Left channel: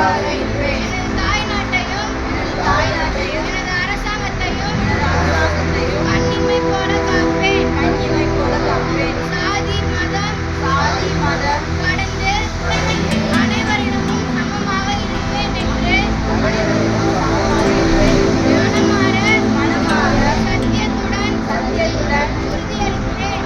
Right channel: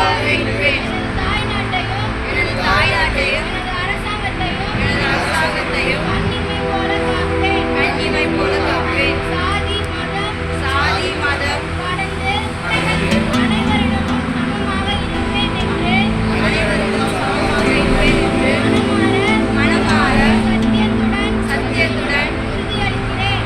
உனக்காக இருப்பேன். எனது தாய்நாட்டையும் எனது அரசாங்கத்தையும் கண்ணிமை போல காப்பேன். சாதி மதம் கடந்து அனைவரிடமும் சமமாக இருப்பேன் என்று மனமாற சத்தியத்துடன் உறுதியளிக்கிறேன்.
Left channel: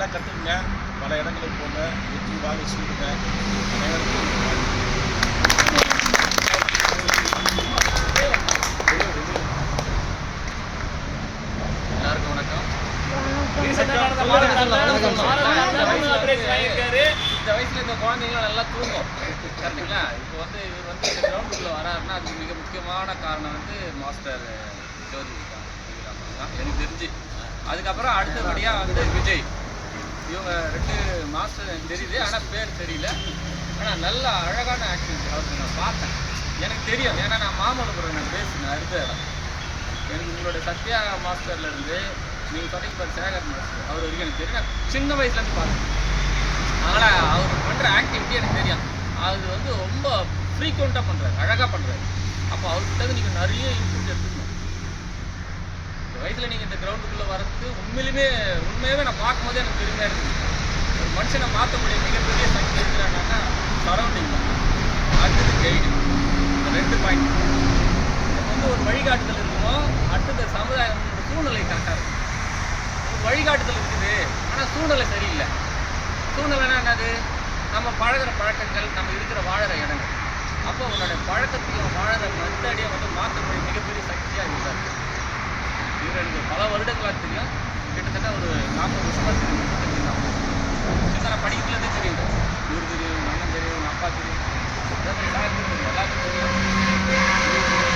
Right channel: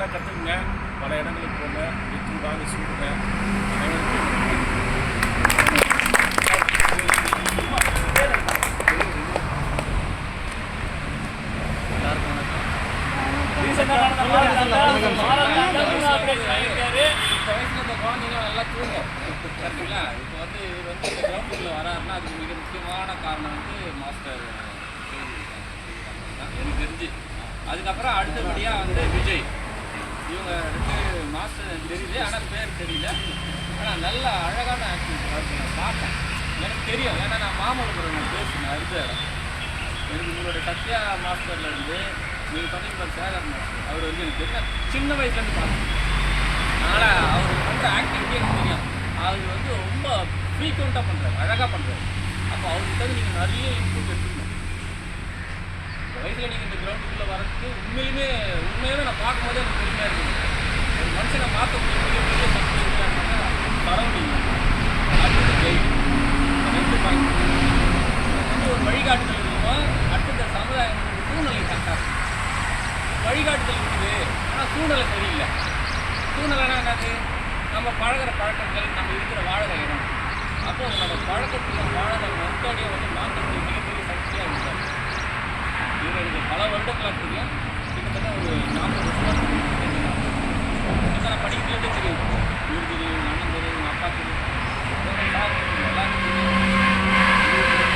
நல்லா கற்றுக்குங்க, பல இடங்களுக்கு போங்க, வெற்றி வாங்கி சூடுங்க. அனைவருக்கும் எல்லாருக்கும் வணக்கம். இந்த வயசுல இந்த குழந்தைங்களாம் நல்லா தூங்கும் சரிங்களா. இப்போ வந்து இவர் வந்து இந்த கிரவுண்டுக்குள்ள வராருன்னா அதுக்கு மிக முக்கியமான காரணம் வந்து மாஸ்டர் ஜோதி தான் எனக்கு தெரிஞ்சு. அதுக்கப்புறம் அடுத்தபடியாக வந்து விஜய். இவங்க 2 மாஸ்டர் எனக்கு தெரியுது, ஆனால் பேர் தெரியல. ஆனால் நல்ல அழகான ஆக்டிவிட்டி அவருக்கு நான் பார்த்தேன், எனக்கு தெரியும். ஏன்னா நான் மாமல்லபுரம் நான் பேசினேன் இருந்த இடம். எனக்கு உங்களுடைய சத்யா மாஸ்டர்லேருந்து நீங்கள் சொன்னீங்க சேகர் மாஸ்டர் அவர் வரைக்கும் எனக்கு தெரியும். சின்ன வயசுலேருந்து பார்த்தேன். அதனால் அவர் பண்ணுற ஆக்டிவிட்டி எனக்கு தெரியும். அது வந்து ரொம்ப ஃப்ரீக்வெண்ட்டாக பண்ணுறாரு, அழகாக பண்ணுறாரு. அப்போ அவர்கிட்ட நீங்கள் நிறைய இன்புட் எடுத்துக்கணும். இந்த வயசில் நீங்கள் இந்த கிரவுண்டுக்குள்ளே வரதுக்கு உண்மையாகவே நான் பார்க்கும்போதே எனக்கு பெருமையாக இருக்குது. ஒரு மனுஷனை மாற்றக்கூடிய மிகப்பெரிய சக்தி இருக்கிறாங்கன்னா சரௌண்டிங் தான். அடுத்தது கைடு. இந்த 2 பாயிண்ட் எனக்கு வந்து ஒரு வழிகாட்டுதல் இருக்கணும். அடுத்தது சமுதாயம் ஒரு சூழ்நிலை கரெக்டாக இருக்கும். ஒரு வழிகாட்டுதல் இருக்குது, ஆனால் சூழ்நிலை சரியில்லை. சூழ்நிலைனா என்னது? நம்ம பழகிற பழக்கங்கள், நம்ம இருக்கிற வாழற இடங்கள். அப்போ உன்னோட பழக்கத்தையும் வாழற மெத்தடையும் வந்து மாற்றக்கூடிய மிகப்பெரிய சக்தியாக இருந்தார். இவர் எனக்கு பல வருடங்களாக தெரியும், கிட்டத்தட்ட ஒரு 40 வருஷமாக தெரியும். 40 வருஷம் நான் படிக்கிறதுலேருந்தே தெரியும். இவர் தெரியும், எங்கள் அண்ணன் தெரியும், எங்கள் அப்பா தெரியும், எல்லாருக்கும் தெரியும்.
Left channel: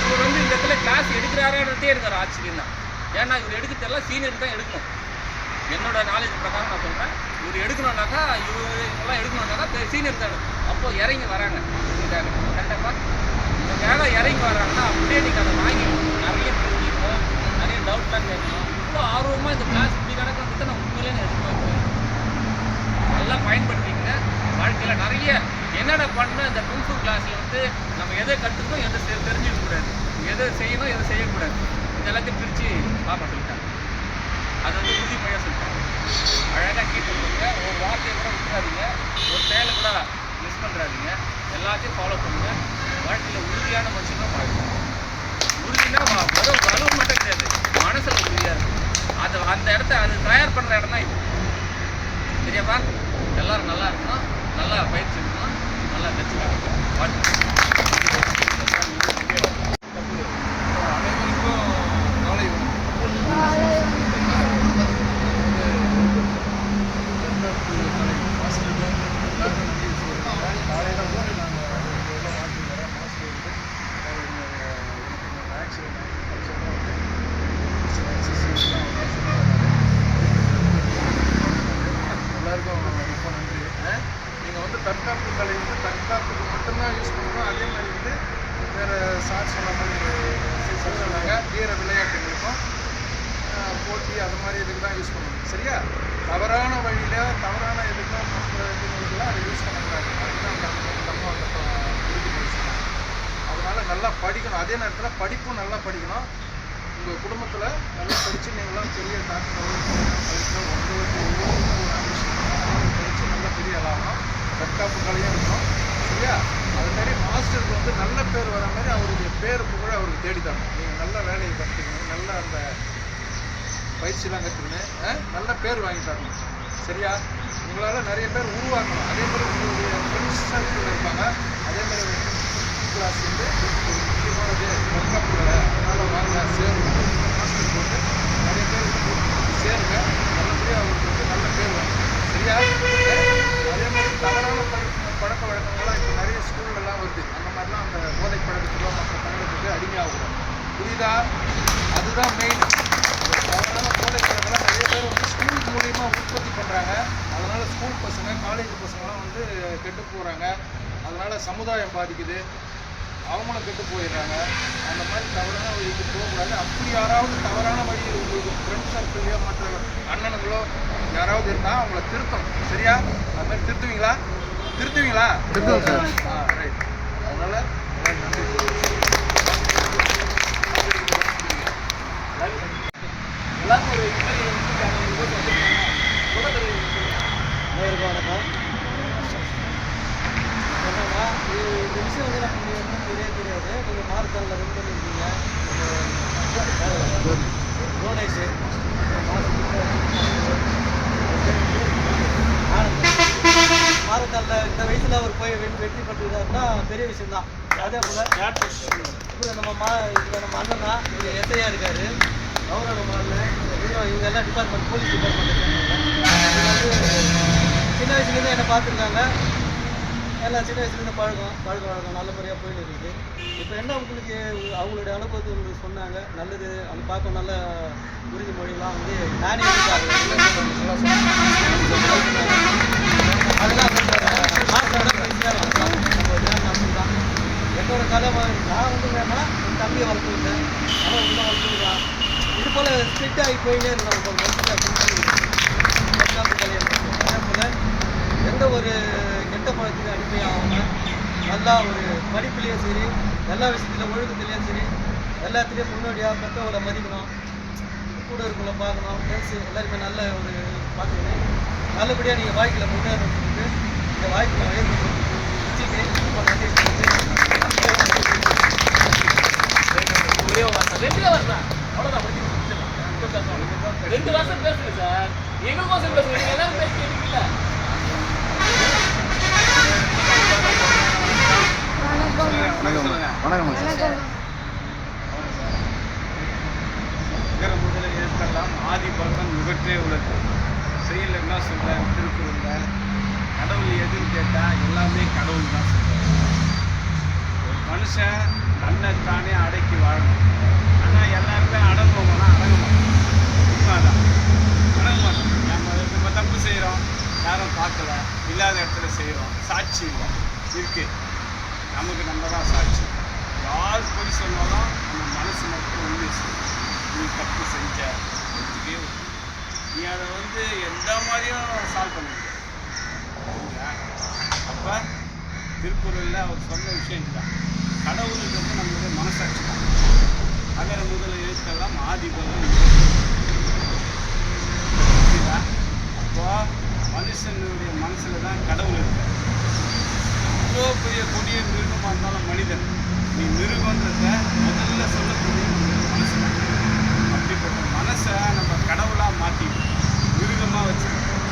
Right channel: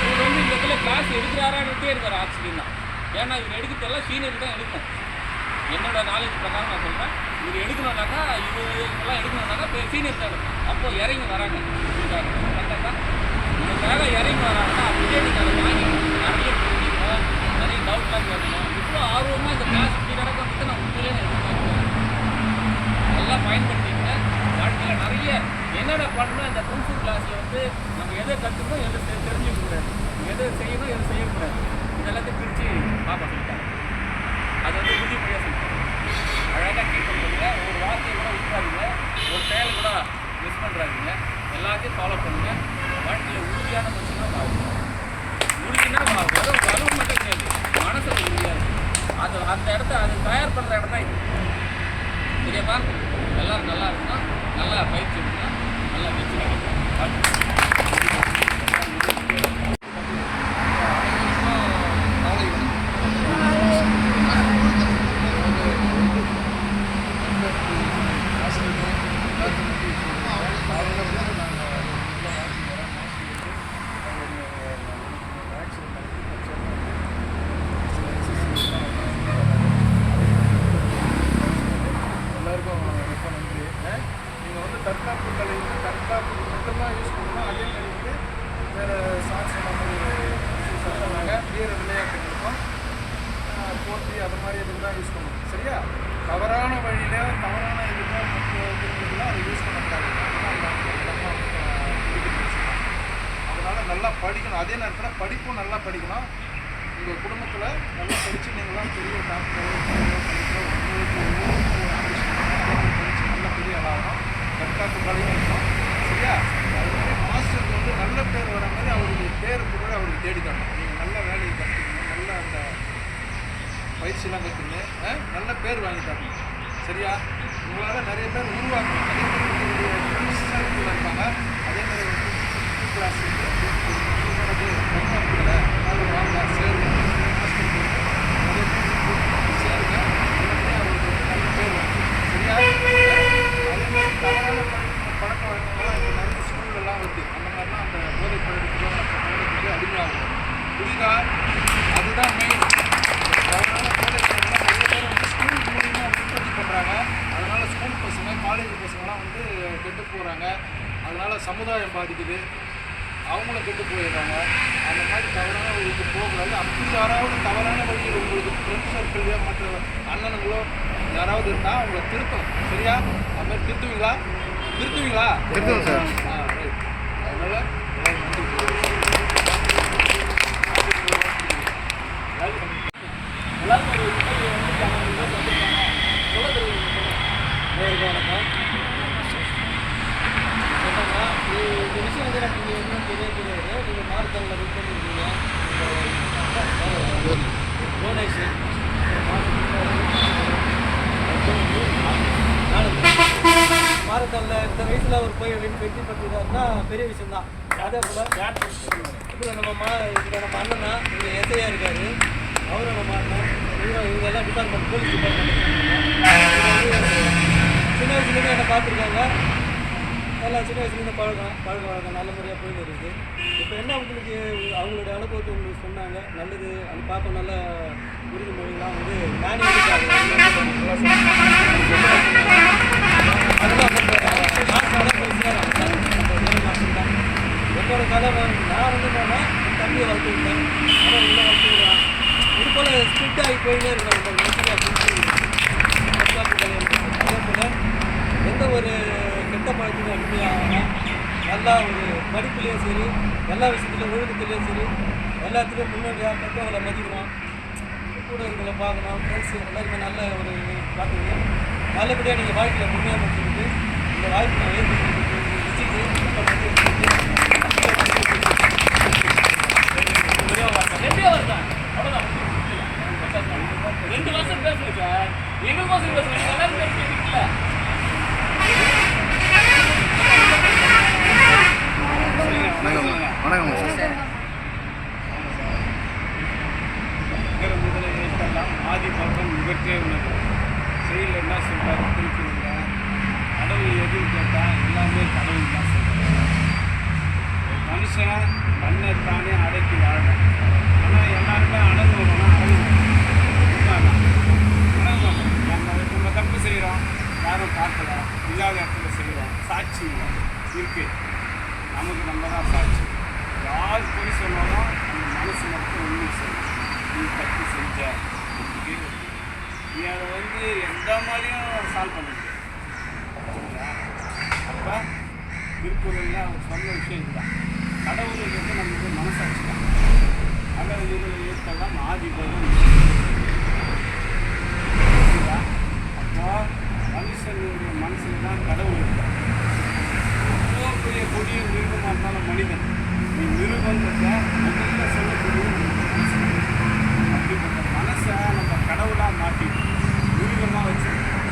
இவர் வந்து இந்த இடத்துல கிளாஸ் எடுக்கிறாரான்றதே எனக்கு ஆச்சரியம் தான். ஏன்னா இவர் எடுக்கிறதெல்லாம் சீனியர் தான் எடுக்கணும். என்னோட நாலேஜ் பிரகாரம் நான் சொல்கிறேன், இவர் எடுக்கணும்னாக்கா இவங்கெல்லாம் எடுக்கணும்னாக்கா சீனியர் தான் எடுக்கணும். அப்போ இறங்கி வராங்க உங்களுக்காக, கரெக்டாக உங்களுக்காக இறங்கி வராங்கன்னா அப்படியே நீங்கள் அதை வாங்கிக்கணும். நிறைய தெரிஞ்சுக்கணும், நிறைய டவுட்லாம் கேட்கணும். இவ்வளோ ஆர்வமாக இந்த கிளாஸ் இப்படி நடக்கிறத நான் உண்மையிலே எதிர்பார்க்குறேன். நல்லா பயன்படுத்திங்க வாழ்க்கையில். நிறைய என்னடா பண்ணணும், இந்த குங்ஃபு கிளாஸில் வந்து நம்ம எதை கற்றுக்கணும், எதை தெரிஞ்சுக்கக்கூடாது, எதை செய்யணும், எதை செய்யக்கூடாது, இதெல்லாத்தையும் பிரித்து பாப்பா சொல்லிட்டாங்க. அது வந்து உறுதிமொழியாக சொல்லிட்டாங்க. அழகாக கீப் பண்ணுங்க, ஒரு வார்த்தையை கூட விட்டுறாதீங்க, ஒரு செயலை கூட மிஸ் பண்ணுறாதீங்க, எல்லாத்தையும் ஃபாலோ பண்ணுங்கள். வாழ்க்கையில் உறுதியான மனுஷனாக வாழுங்க. உறுதினா வெறும் வலு மட்டும் கிடையாது, மனசில் உறுதியாக இருக்குது. அந்த இடத்த அது தயார் பண்ணுற இடம் தான் இது. சரியாப்பா? எல்லோரும் நல்லா இருக்கணும், நல்லா பயிற்சி எடுக்கணும், நல்லா வச்சுக்கணும். வாழ்க்கை தற்காப்பு கலை வந்து தற்காப்புக்கு மட்டும்தான் யூஸ் பண்ணணும். அதே மாதிரி வந்து வேறு சார் சொன்ன மாதிரி சொன்னாங்க, வீர விளையாட்டுகளுக்கும் போட்டி அது மாதிரி இதுக்கு தான் யூஸ் பண்ணணும். சரியா? தவறான வழியில் தவறான இதுக்கும் மற்ற இதுங்களுக்கெல்லாம் அதை யூஸ் பண்ணக்கூடாது. அதுதான் அந்த உறுதிமொழி சொன்னாங்க. அதனால் நல்லா படிக்கணும். அதே நேரத்தில் படிப்பும் நல்லா படிக்கணும். உங்கள் குடும்பத்தில் நல்லா படித்து நீங்களாம் பெரிய டாக்டரோ கலெக்டரோ உங்களுக்கு ஒவ்வொருக்கும் ஒரு ஆம்பிஷன் இருக்கணும். அதே மாதிரி படித்து நல்லா பெரிய ஆளாகணும். தற்காப்பு கலையும் இருக்கணும். சரியா? அதுமாரி மாஸ்டருக்கு வந்து நல்ல பேர் வர மாதிரி அவருடைய பேர் புகழ அவருக்கு தேடி தரணும். நீங்கள் நல்ல வேலையை கற்றுக்கணும், நல்ல அந்த பயிற்சியெலாம் கற்றுக்கணும், நல்ல பேர் வாங்கி தரணும். சரியா? உங்களால் நிறைய பேர் உருவாக்கணும். அதே மாதிரி உங்களுடைய ஃப்ரெண்ட்ஸ் சர்க்கிளில் இருப்பாங்க. அதே மாதிரி வந்து கிளாஸ் வந்து ஒரு முக்கியமானது தற்காப்பு கலை. அதனால் வாங்க சேருங்க. மாஸ்டருக்கு வந்து நிறைய பேர் சேருங்க. நல்லபடியாக அவருக்கு வந்து நல்ல பேர் வாங்கி. சரியா? அதே மாதிரி தவறான பழக்க வழக்கங்கள்லாம் இப்போ நிறைய ஸ்கூல்லலாம் வருது. அந்த மாதிரிலாம் அந்த போதை பழக்கத்துக்கோ மற்ற பழக்கத்துக்கு அடிமையாகும். புரியுதா? அதுதான் மெயின். தவறான போதை பழக்கம்லாம் நிறைய பேர் வந்து ஸ்கூல் மூலியமாக உற்பத்தி பண்ணுறாங்க. அதனால் ஸ்கூல் பசங்க காலேஜ் பசங்கள்லாம் வந்து கெட்டு போகிறாங்க. அதனால் சமுதாயம் பாதிக்குது, அவங்களும் கெட்டு போயிடுறாங்க. அந்த மாதிரி தவறான வழிக்கு போகக்கூடாது. அப்படி யாராவது தவறான வழியில் உங்களுக்கு ஃப்ரெண்ட் சர்க்கிள்லையோ மற்ற அண்ணனுங்களோ யாராவது இருந்தால் அவங்கள திருத்தணும். சரியா? அது மாதிரி திருத்துவீங்களா? ரைட். அதனால் எல்லாரும் நன்றி. எல்லாருக்கும் ஒரு வணக்கம். என்னன்னா இந்த விஷயம் வந்து நமக்கு ஒன்றும் தெரியாது. நீங்கள் மார்த்தலில் ரெடி பண்ணியிருக்கீங்க, டொனேஷன் மாரத்தானில் இந்த வயசில் அவர் போய் வெற்றி பண்ணிருக்காருன்னா பெரிய விஷயம்தான். அதே போல் இப்போ நம்ம அண்ணன் தான், இவர் எஸ்ஐயாக இருக்கார். அவரோட அண்ணன் இவங்க எல்லாம் டிபார்ட்மெண்ட், போலீஸ் டிபார்ட்மெண்ட்டில் சேர்ந்தாங்க. இவங்க வந்து சின்ன வயசுலேருந்து என்னை பார்த்துருக்காங்க. எல்லாம் சின்ன வயசுலேருந்து பழக்க வழக்கம் நல்ல முறையாக போயின்னு இருக்குது. இப்போ என்ன உங்களுக்கு அவங்களுடைய அனுபவத்தை உங்களுக்கு சொன்னாங்க, நல்லது அது பார்க்க நல்ல உறுதிமொழிலாம் வந்து நானே நல்லா சொன்னாங்க. அதெல்லாம் மாஸ்டர் தான் என்னோட கதை. நான் வந்து என்னன்னா என் தம்பியை வளர்த்து விட்டேன், அவன் உள்ள வளர்த்து விடுறான். இது போல் ஸ்ட்ரிக்ட் ஆகி போயிட்டே இருக்கிறோம். ஒரு தற்காப்பு கலை. அதே போல் எந்த ஒரு கெட்ட பழக்கத்தையும் அடிமையாகாம நல்லா ஒரு படிப்புலேயும் சரி, எல்லா விஷயத்துலையும் ஒழுக்கத்துலேயும் சரி, எல்லாத்துலேயும் முன்னோடியாக பெற்றவங்களை மதிக்கணும், கூட இருக்கிறவங்கள பார்க்கணும், ஃப்ரெண்ட்ஸு எல்லாருமே நல்ல ஒரு பார்த்துக்கணும். நல்லபடியாக நீங்கள் வாழ்க்கையில் முன்னேறணும் சொல்லிட்டு இந்த வாய்ப்பு நான் ஏற்படுத்தி வச்சுக்கிறேன். ரொம்ப நன்றி. ரெண்டு வருஷம் பேசுங்க சார், எங்களுக்கோசம் பேசுங்க, எல்லாரும் பேசுறீங்களா? முதல எழுத்தெல்லாம் ஆதி பகவன் முகற்றே உள்ளது. செயல் என்ன சொல்கிறாரு திருக்குறளில், கடவுள் எதுன்னு கேட்டால் எல்லாமே கடவுள் தான் சொல்கிறார். ஒரு மனுஷன் தன்னைத்தானே அடக்கி வாழணும். ஆனால் எல்லாருமே அடங்குவோம்னா அடங்க மாட்டோம். உண்மைதான், அடங்க மாட்டோம். நம்ம தப்பு செய்கிறோம், யாரும் பார்க்கல, இல்லாத இடத்துல செய்கிறோம், சாட்சி இல்லை இருக்குது. நமக்கு நம்ம தான் சாட்சி. யார் போய் சொன்னாலும் அந்த மனசு மட்டும் உண்மை செய்யும். நீ தப்பு செஞ்ச, நீ அதை வந்து எந்த மாதிரியும் சால்வ் பண்ண முடியாது. சரிங்களா? அப்போ திருக்குறளில் அவர் சொன்ன விஷயம் இதுதான். கடவுளுக்கு நம்மளுடைய மனசாட்சி தான். அகர முதல எழுத்தெல்லாம் ஆதி பகவன். சரிங்களா? அப்போ மனுஷனுடைய மனசில் தான் கடவுள் இருக்கார். இவ்வளோ பெரிய கொடிய மிருகமாக இருந்தாலும் மனிதன், நீ மிருகன்றத முதல்ல சொல்லக்கூடிய நம்மளுடைய மனசு தான். அப்படிப்பட்ட மனசை நம்ம கடவுளாக மாற்றி மிருகமாக வச்சுருக்கோம்.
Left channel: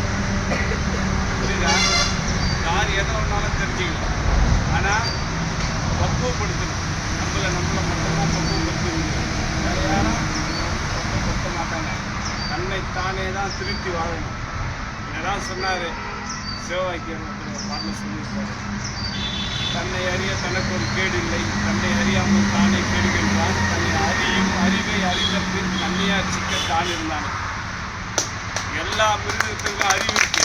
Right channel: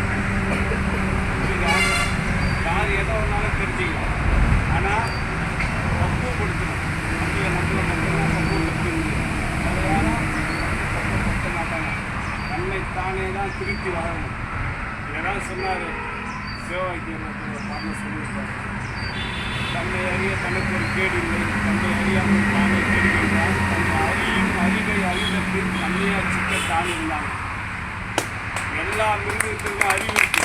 புரியுதா? யார் எதை ஒன்றாலும் தெரிஞ்சுக்கலாம். ஆனால் பக்குவப்படுத்தணும். நம்மளை மட்டும்தான் பக்குவப்படுத்த முடியும். வேறு யாரும் பக்குவப்படுத்த மாட்டாங்க. தன்னைத்தானே தான் திருப்தி வாழணும். இதெல்லாம் சொன்னார் சிவவாக்கியம் ஒரு பாட்டில் சொல்லியிருப்பார். தன்னை அறிய தனக்கு ஒரு கேடு இல்லை, தன்னை அறியாமல் தானே கேடுகின்றான், தன்னை அறியும் அறிவை அறிந்த பின் தன்னையார் சிக்க தான் இருந்தான். எல்லா மிருகத்துக்கும் அறிவு இருக்கு,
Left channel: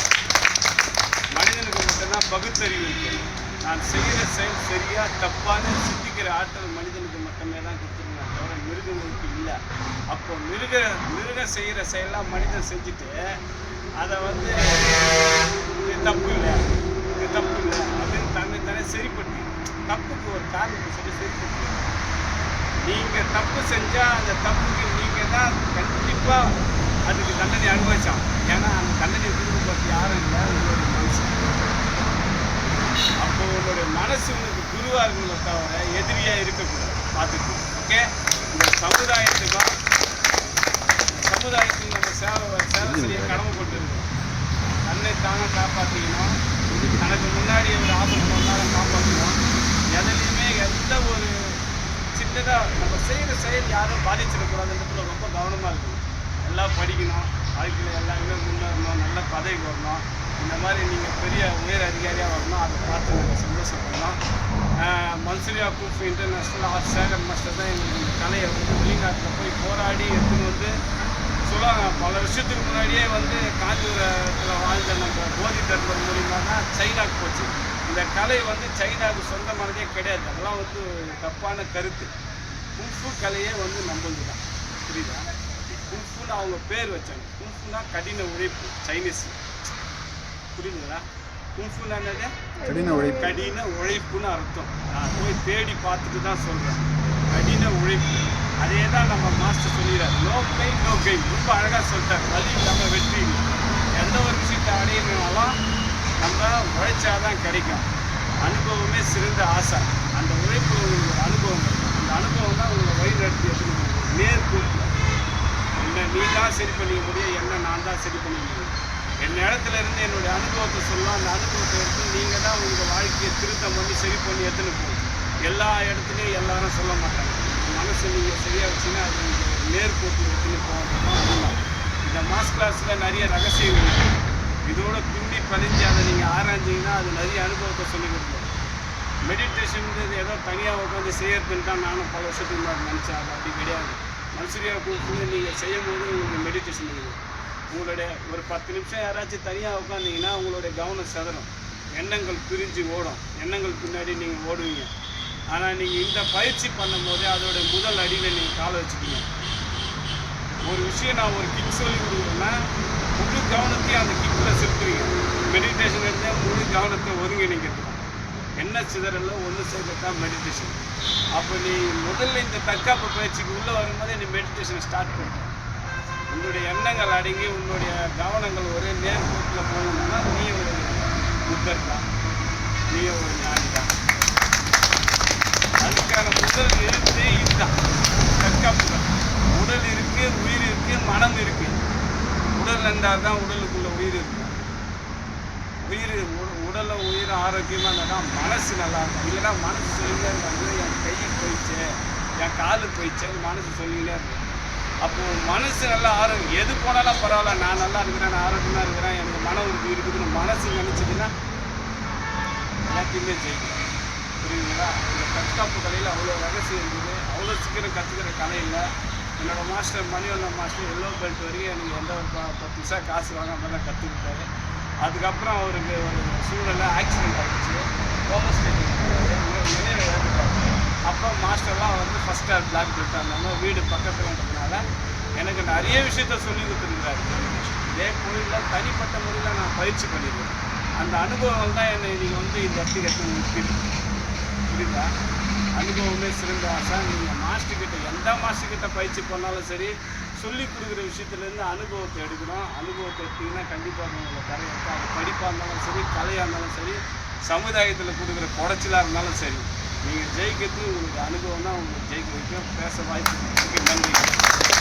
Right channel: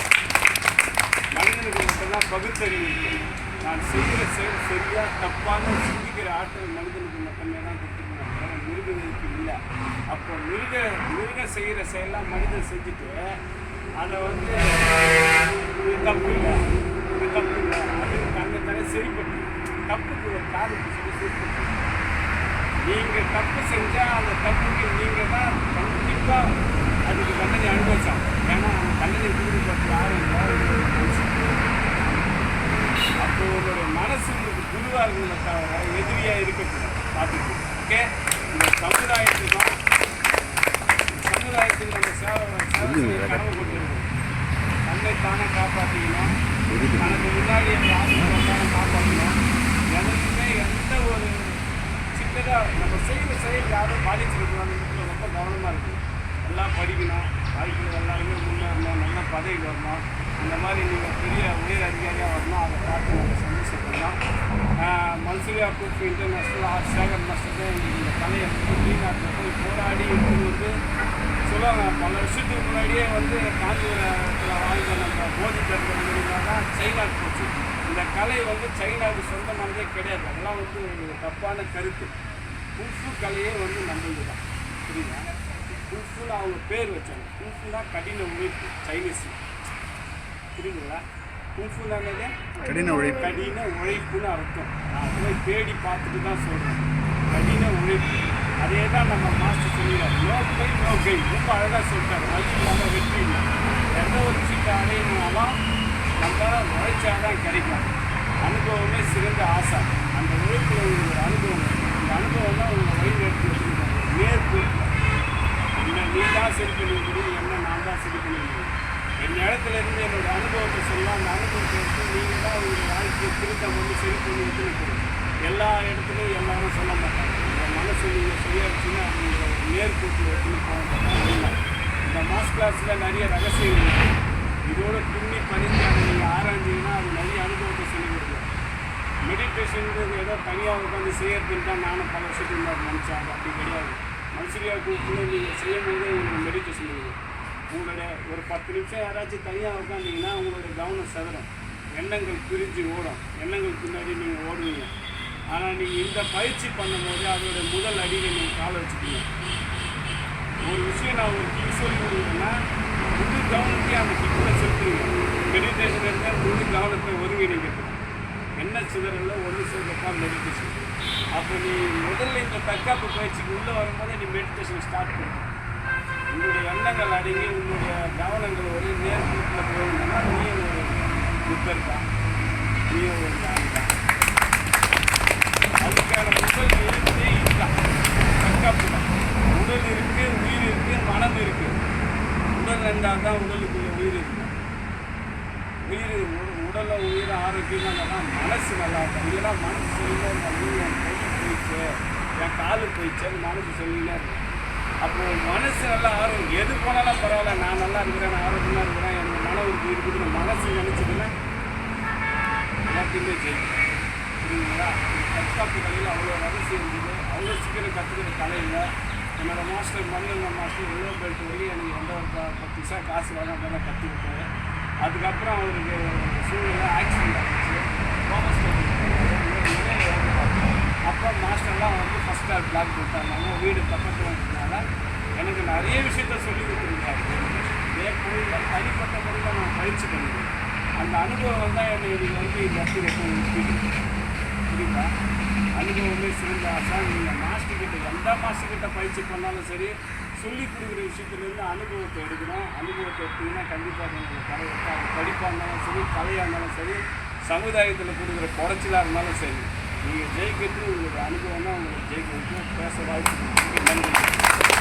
மனிதனுக்கு மட்டும்தான் பகுத்தறிவு இருக்கு. நான் செய்கிற செயல் சரியா தப்பான சிந்திக்கிற ஆற்றல் மனிதனுக்கு மட்டுமே தான் கொடுத்துருக்கேன், தவிர மிருகங்களுக்கு இல்லை. அப்போ மிருகம் செய்கிற செயலாம் மனிதன் செஞ்சுட்டு அதை வந்து இது தப்பு இல்லை, இது தப்பு இல்லை அப்படின்னு தன்னை சரிப்படுத்தி தப்புக்கு ஒரு காரணத்தை சொல்லி சரிப்படுத்தி, நீங்கள் தப்பு செஞ்சால் அந்த தப்புக்கு நீங்கள் தான் கண்டிப்பாக அதுக்கு தண்டனை அனுபவிச்சான். ஏன்னா அந்த தண்டனை கொடுக்கப்பட்டு யாரும் இல்லை, உங்களுடைய மனசு. அப்போ உங்களுடைய மனசு உங்களுக்கு குருவாக இருக்கணுமே தவிர எதிரியாக இருக்கக்கூடாது. பார்த்துக்கு ஓகே. இந்த சமுதாயத்துக்கு நம்ம சேவை செய்ய கடமைப்பட்டிருக்கோம். தன்னை தானே காப்பாற்றிக்கணும், தனக்கு முன்னாடி எந்த ஆபத்து வந்தாலும் காப்பாற்றணும். எதுலையுமே எந்த ஒரு சின்னதாக நம்ம செய்கிற செயல் யாரும் பாதிச்சிடக்கூடாதுன்றதுல ரொம்ப கவனமாக இருக்கணும். எல்லாம் படிக்கணும், வாழ்க்கையில் எல்லாருமே முன்னேறணும், நல்ல பதவிக்கு வரணும். இந்த மாதிரி நீங்கள் பெரிய உயர் அதிகாரியாக வரணும். அதை பார்த்து நாங்கள் சந்தோஷப்படலாம். Manchuria group international art Sekar master தான் எங்களுக்கு இந்த கலையை வந்து வெளிநாட்டில் போய் போராடி எடுத்துன்னு வந்து சொல்லுவாங்க. பல வருஷத்துக்கு முன்னாடியே வந்து காஞ்சிபுரத்தில் வாழ்ந்த நம்ம போதி தர்மர் மூலிமா தான் சைனாவுக்கு போச்சு. இந்த கலை வந்து சைனாவுக்கு சொந்தமானதே கிடையாது. அதெல்லாம் வந்து தப்பான கருத்து. குங்ஃபு கலையே வந்து நம்மளுது தான். புரியுதா? குங்ஃபுன்னு அவங்க பேர் வச்சாங்க. குங்ஃபுனா கடின உழைப்பு, சைனீஸ். புரியுதுங்களா? குங்ஃபுனா என்னது? கடின உழைப்புன்னு அர்த்தம். நான் போய் தேடி பார்த்துட்டு தான் சொல்கிறேன். கடின உழைப்பு. அதே தான் நம்ம மாஸ்டர் சொல்லிடுறாரு. No pain no gain. ரொம்ப அழகாக சொல்லிட்டார். வலி இல்லாமல் வெற்றி இல்லை. எந்த ஒரு விஷயத்தை அடையணுனாலும் நம்ம உழைச்சாதான் கிடைக்கும். அனுபவமே சிறந்த ஆசை. அந்த உழைப்பில் உங்களுக்கு ஒரு அனுபவம் இருக்கும். அந்த அனுபவம் தான் உங்களை வழி நடத்தி எடுத்துக்கணும். நேர்கூட்டில் என்ன நீ தான் சரி பண்ணிக்க முடியும், என்ன நான் தான் சரி பண்ணிக்க முடியும். என் இடத்துல இருந்து என்னுடைய அனுபவத்தை சொல்லலாம். அந்த அனுபவத்தை எடுத்து நீங்கள் தான் உங்கள் வாழ்க்கையை திருத்தம் பண்ணி சரி பண்ணி எடுத்துன்னு போகும். எல்லா இடத்துலையும் எல்லாரும் சொல்ல மாட்டாங்க. உங்கள் மனசு நீங்கள் சரியாக வச்சுன்னா அது உங்கள் நேர்கூட்டி எடுத்துன்னு போகிறது தான் உண்மை. இந்த மாஸ் கிளாஸில் நிறைய ரகசியங்கள் இருக்குது. இதோட பின்னி பதிஞ்சு அதை நீங்கள் ஆராய்ஞ்சிங்கன்னா அது நிறைய அனுபவத்தை சொல்லிக் கொடுக்கும். மெடிடேஷன்றது ஏதோ தனியாக உட்காந்து செய்யறதுன்னு தான் நானும் பல வருஷத்துக்கு முன்னாடி நினச்சேன். அப்படி கிடையாது. மனுஷரியா கூப்பிட்டு நீங்கள் செய்யும் போது உங்களுக்கு மெடிடேஷன் இருக்கும். உங்களுடைய ஒரு 10 நிமிஷம் யாராச்சும் தனியாக உட்காந்திங்கன்னா உங்களுடைய கவனம் சிதறும், எண்ணங்கள் பிரிஞ்சு ஓடும், எண்ணங்கள் பின்னாடி நீங்கள் ஓடுவீங்க. ஆனால் நீங்கள் இந்த பயிற்சி பண்ணும் போது அதோடைய முதல் அடியில் நீங்கள் காலை வச்சுட்டீங்க. ஒரு விஷயம் நான் ஒரு கிக் சொல்லி கொடுக்குறேன்னா முழு கவனத்தையும் அந்த கிக்கில் செலுத்துவீங்க. மெடிடேஷன் இருந்தால் முழு கவனத்தை ஒருங்கிணைக்கிறது தான். என்ன சிதறல ஒன்று சேர்க்கத்தான் மெடிடேஷன். அப்போ நீ முதல்ல இந்த தற்காப்பு பயிற்சிக்கு உள்ளே வரும்போதே நீ மெடிடேஷனை ஸ்டார்ட் பண்ணிக்கலாம். உன்னுடைய எண்ணங்கள் அடங்கி உன்னுடைய கவனங்கள் ஒரே நேர்கூட்டில் போகணும்னா நீ ஒரு புத்தர் தான், நீ ஒரு ஞானி தான். அதுக்கான முதல் எழுத்து இதுதான், தற்காப்பு தான். உடல் இருக்குது, உயிர் இருக்குது, மனம் இருக்குது. உடல் இருந்தால் தான் உடலுக்குள்ள உயிர் இருக்கும். உடலும் உயிரும் ஆரோக்கியமாக இருந்தால் தான் மனசு நல்லா இருக்கும். இல்லைன்னா மனசு சொல்லிட்டே இருந்தாலும் என் கை போயிடுச்சு, என் காலு போயிடுச்சுன்னு மனசு சொல்லிக்கிட்டே இருக்கேன். அப்போது மனசு நல்லா எது போனாலும் பரவாயில்ல, நான் நல்லா இருக்கிறேன், நான் ஆரோக்கியமாக இருக்கிறேன், எனக்கு மன உறுதி இருக்குதுன்னு மனசு நினச்சிதுன்னா எல்லாத்தையுமே ஜெயிக்கிறேன். புரியுதுங்களா? இந்த தற்காப்பு கலையில் அவ்வளோ ரகசியம் இருக்குது. அவ்வளோ சீக்கிரம் கற்றுக்கிற கலை இல்லை. என்னோடய master Manivannan master yellow belt வரைக்கும் எனக்கு எந்த ஒரு 10 பைசா காசு வாங்காமல் தான் கற்றுக்கிட்டாரு. அதுக்கப்புறம் அவருக்கு ஒரு சூழலில் ஆக்சிடெண்ட் ஆகிடுச்சு, ஓமஸ்டேட்டிங் நினைவு ஏற்பட்டார். அப்போ மாஸ்டர்லாம் வந்து ஃபஸ்ட் ஸ்டார் பிளாக் பெல்ட் இருந்தாங்க. வீடு பக்கத்தில் இருந்ததுனால எனக்கு நிறைய விஷயத்த சொல்லி கொடுத்துருக்காரு. இதே கோயிலில் தனிப்பட்ட முறையில் நான் பயிற்சி பண்ணிடுவேன். அந்த அனுபவங்கள் தான் என்னை இன்றைக்கி வந்து இந்த இடத்துக்கு நிற்கிது. புரியுதா? அனுபவமே சிறந்த ஆசை. நீங்கள் மாஸ்டர்கிட்ட எந்த மாஸ்டர்கிட்ட பயிற்சி பண்ணாலும் சரி, சொல்லி கொடுக்குற விஷயத்துலேருந்து அனுபவத்தை எடுக்கணும். அனுபவத்தை எடுத்திங்கன்னா கண்டிப்பாக உங்களுக்கு கரை இருக்கும். அது படிப்பாக இருந்தாலும் சரி, கலையாக இருந்தாலும் சரி, சமுதாயத்தில் கொடுக்குற குறைச்சலாக இருந்தாலும் சரி, நீங்கள் ஜெயிக்கிறது உங்களுடைய அனுபவம் தான் உங்களுக்கு ஜெயிக்க வைக்கும். பேச வாய்ப்பு நன்றி.